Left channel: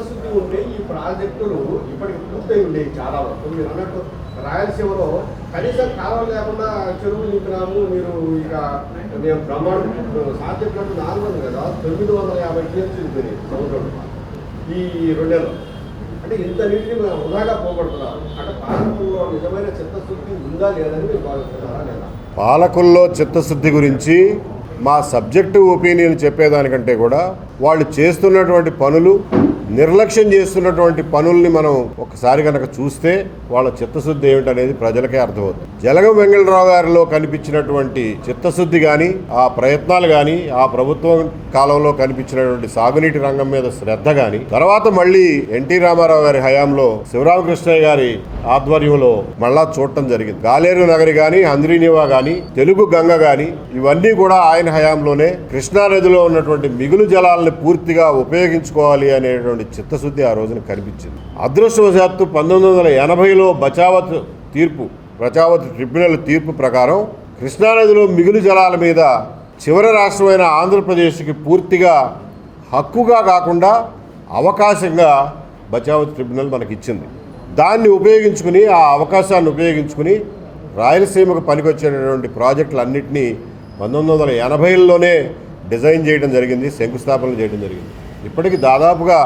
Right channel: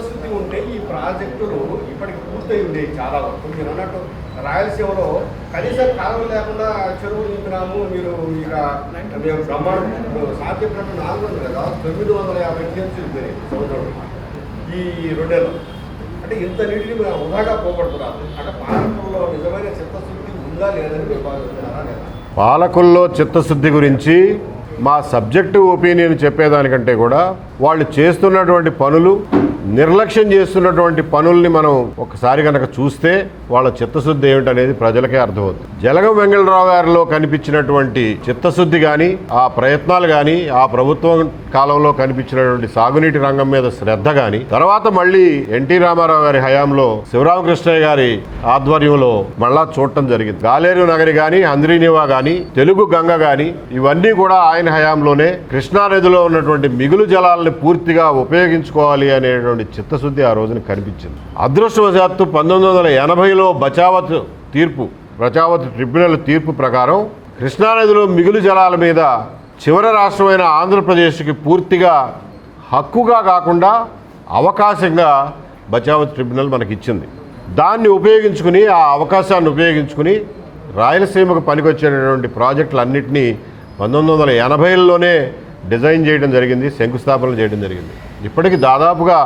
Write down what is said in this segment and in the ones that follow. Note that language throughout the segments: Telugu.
చిత్తశుద్ధి ఉంటే ఈ ప్రాజెక్టులు ఇప్పటికి పూర్తయి ఉండేవి చాలా వరకు. మీరు అన్నట్టు రాయలసీమలో కనీసం కాలం లేకుండా చెరువులు నింపినాము. మీరు ఇక మేము బ్రహ్మాండం సాధ్యపడిన 400 కదా 950 టీఎంసీలు పెరిగింది ఈ 2 ఏళ్ళు. అంటే ఇంత నీటిని వృధాగా పోగొడుతున్నారు. అంటే పాలకుల్లో నిజమైన చిత్తశుద్ధి ఉందా లేదని మీరు భావిస్తున్నారా లేదా? పాలకుల్లో చిత్తశుద్ధి గురించి మా సబ్జెక్టివ్ ఒపీనియన్ చెప్పేదానికంటే కూడా వాళ్ళు చేస్తున్నటువంటి పనులు, నిర్లక్ష్యం చేస్తున్నటువంటి పనుల్ని మనం ఒకసారి కనుక చూస్తే వాళ్ళ చిత్తశుద్ధి ఏమిటనేది ప్రజలకే అర్థమవుతుంది. జలగం వెంగళరావు గారిలో కనిపించినటువంటి చిత్తశుద్ధి కానీ, ఆ ప్రయత్నాలు కానీ, ఆ ప్రభుత్వం కాలంలో కనిపించినటువంటి సాగునీటి రంగం మీద శ్రద్ధ కానీ, తర్వాత మళ్ళీ ఎన్టీ రామారావు గారి హయాంలో శివరామకృష్ణయ్య గారి ఆధ్వర్యంలో మళ్ళా చూడటం జరిగింది. గాలేరు నగరి కానీ, అంద్రీనివా కానీ, తెలుగు గంగ కానీ ఇవన్నీ కూడా ఆయన హయాంలోనే కృష్ణానదిలో ఉన్నటువంటి మిగులు జలాలను పూర్తిగా ఉపయోగించుకోవాలి అనేటువంటి చిత్తశుద్ధి ఆ రోజున కనిపించింది. అదృష్టవశాత్తు 1980లో బచావత్ ట్రిబ్యునల్ తీర్పు ప్రకారం కృష్ణానదిలో మిగులు జలాల మీద చివరి రాష్ట్రమైన ఆంధ్రప్రదేశ్కి పూర్తిగా హక్కుగా కాకుండా అవకాశంగా బచావత్ ట్రిబ్యునల్ మనకిచ్చింది. దాన్ని ఉపయోగించుకుని, ఆ అవకాశాన్ని ఉపయోగించుకుని రాయలసీమకు పనికొచ్చేటటువంటి ప్రాజెక్టులన్నింటినీ 1980లోనే డిజైన్ చేయడం జరిగింది, శంకుస్థాపనలు చేయడం జరిగింది. ఇప్పటికి దాదాపుగా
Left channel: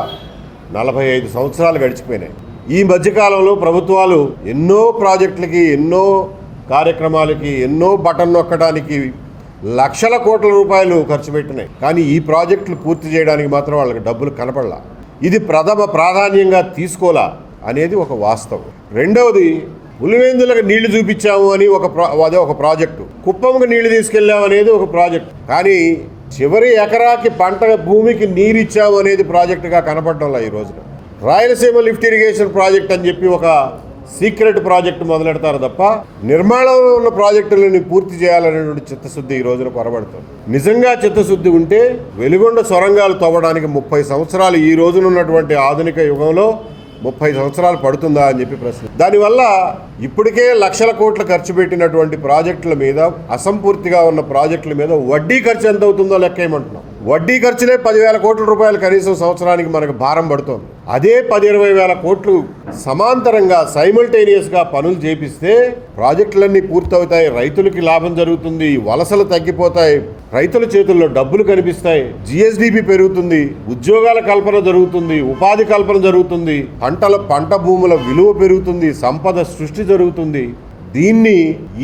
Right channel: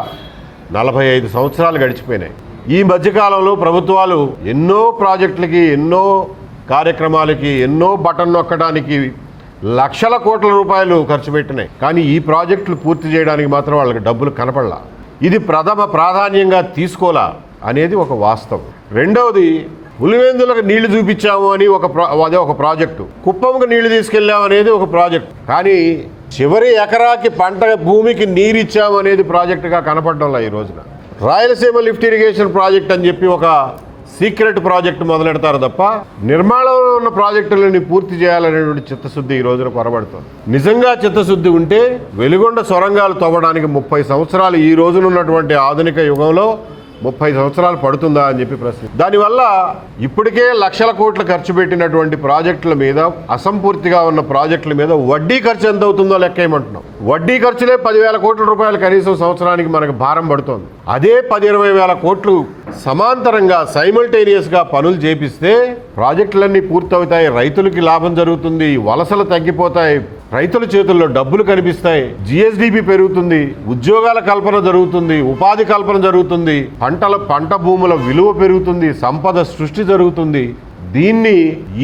45 సంవత్సరాలు గడిచిపోయినాయి. ఈ మధ్యకాలంలో ప్రభుత్వాలు ఎన్నో ప్రాజెక్టులకి, ఎన్నో కార్యక్రమాలకి, ఎన్నో బటన్ నొక్కడానికి లక్షల కోట్ల రూపాయలు ఖర్చు పెట్టినాయి. కానీ ఈ ప్రాజెక్టులు పూర్తి చేయడానికి మాత్రం వాళ్ళకి డబ్బులు కనపడలా. ఇది ప్రథమ ప్రాధాన్యంగా తీసుకోలా అనేది ఒక వాస్తవం. రెండవది, పులివెందులకు నీళ్లు చూపించాము అని అదే ఒక ప్రాజెక్టు, కుప్పంకు నీళ్లు తీసుకెళ్ళాము అనేది ఒక ప్రాజెక్టు. కానీ చివరి ఎకరాకి పంట భూమికి నీరు ఇచ్చాము అనేది ప్రాజెక్టుగా కనపడడంలా ఈ రోజున. రాయలసీమ లిఫ్ట్ ఇరిగేషన్ ప్రాజెక్ట్ అని చెప్పి ఒక సీక్రెట్ ప్రాజెక్టు మొదలెడతారు తప్ప నిర్మాణంలో ఉన్న ప్రాజెక్టులని పూర్తి చేయాలనేటువంటి చిత్తశుద్ధి ఈ రోజున పొరబడుతుంది. నిజంగా చిత్తశుద్ధి ఉంటే వెలుగొండ సొరంగాలు తవ్వడానికి 30 సంవత్సరాలు ఈ రోజున ఉన్నటువంటి ఆధునిక యుగంలో 30 సంవత్సరాలు పడుతుందా అని చెప్పి ప్రశ్న. దానివల్ల ఇప్పటికే లక్షల కోట్లు ఖర్చు పెట్టినటువంటి ప్రాజెక్టుల మీద, అసంపూర్తిగా ఉన్న ప్రాజెక్టుల మీద వడ్డీ ఖర్చు ఎంత అవుతుందో లెక్కేయమంటున్నాం. వడ్డీ ఖర్చులే 10,000 కోట్ల రూపాయలు కనీసం సంవత్సరానికి మనకు భారం పడుతుంది. అదే 10-20 వేల కోట్లు సమాంతరంగా సైమల్టేనియస్గా పనులు చేపిస్తే ప్రాజెక్టులన్నీ పూర్తవుతాయి, రైతులకి లాభం జరుగుతుంది, వలసలు తగ్గిపోతాయి, రైతుల చేతుల్లో డబ్బులు కనిపిస్తాయి, జిఎస్డిపి పెరుగుతుంది, ఉద్యోగాల కల్పన జరుగుతుంది, ఉపాధి కల్పన జరుగుతుంది, పంట భూముల విలువ పెరుగుతుంది, సంపద సృష్టి జరుగుతుంది. దీన్ని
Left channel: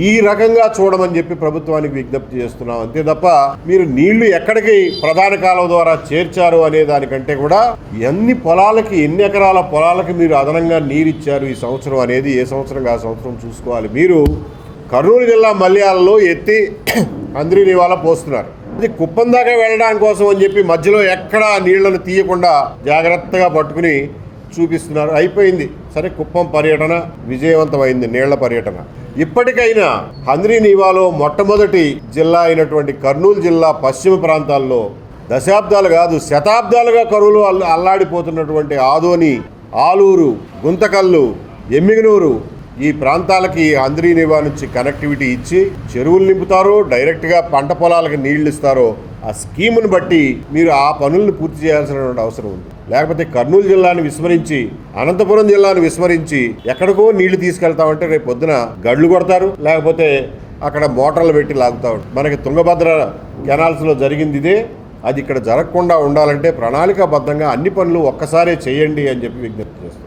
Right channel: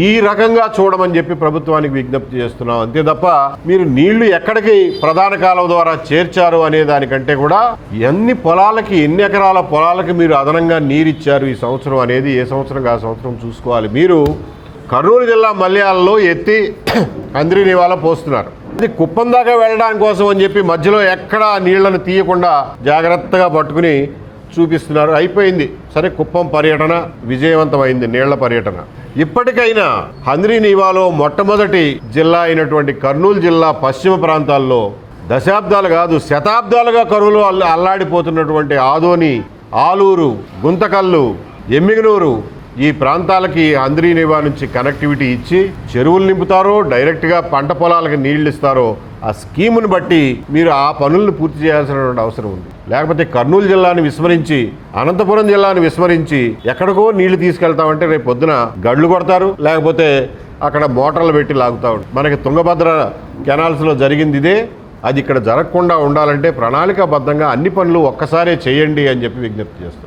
ఈ రకంగా చూడమని చెప్పి ప్రభుత్వానికి విజ్ఞప్తి చేస్తున్నాం. అంతే తప్ప మీరు నీళ్లు ఎక్కడికి ప్రధాన కాలువ ద్వారా చేర్చారు అనే దానికంటే కూడా ఎన్ని పొలాలకి, ఎన్ని ఎకరాల పొలాలకి మీరు అదనంగా నీరిచ్చారు ఈ సంవత్సరం అనేది ఏ సంవత్సరం ఆ సంవత్సరం చూసుకోవాలి. మీరు కర్నూలు జిల్లా మల్యాలలో ఎత్తి అంద్రీనివాలా పోస్తున్నారు. అది కుప్పం దాకా వెళ్ళడానికి కోసం అని చెప్పి మధ్యలో ఎక్కడా నీళ్లను తీయకుండా జాగ్రత్తగా పట్టుకుని చూపిస్తున్నారు. అయిపోయింది సరే, కుప్పం పర్యటన విజయవంతమైంది, నీళ్ల పర్యటన. ఇప్పటికైనా అంద్రీనివాలో మొట్టమొదటి జిల్లా అయినటువంటి కర్నూలు జిల్లా పశ్చిమ ప్రాంతాల్లో దశాబ్దాలు కాదు శతాబ్దాలుగా కరువులో అల్లాడిపోతున్నటువంటి ఆదోని, ఆలూరు, గుంతకల్లు, ఎమ్మిగనూరు ఈ ప్రాంతాలకి అంద్రీనివా నుంచి కనెక్టివిటీ ఇచ్చి చెరువులు నింపుతారో, డైరెక్ట్గా పంట పొలాలకు నీళ్లు ఇస్తారో ఆ స్కీమును బట్టి మీరు ఆ పనులను పూర్తి చేయాల్సినటువంటి అవసరం ఉంది. లేకపోతే కర్నూలు జిల్లాని విస్మరించి, అనంతపురం జిల్లాని విస్మరించి ఎక్కడికో నీళ్లు తీసుకెళ్తామంటే రేపు పొద్దున గడ్లు కొడతారు, లేకపోతే అక్కడ మోటార్లు పెట్టి లాగుతా ఉంటారు. మనకి తుంగభద్ర కెనాల్స్లో జరిగింది ఇదే. అది ఇక్కడ జరగకుండా ఉండాలంటే ప్రణాళికాబద్ధంగా అన్ని పనులు ఒక్కసారే చేయండి అని చెప్పి విజ్ఞప్తి చేస్తారు.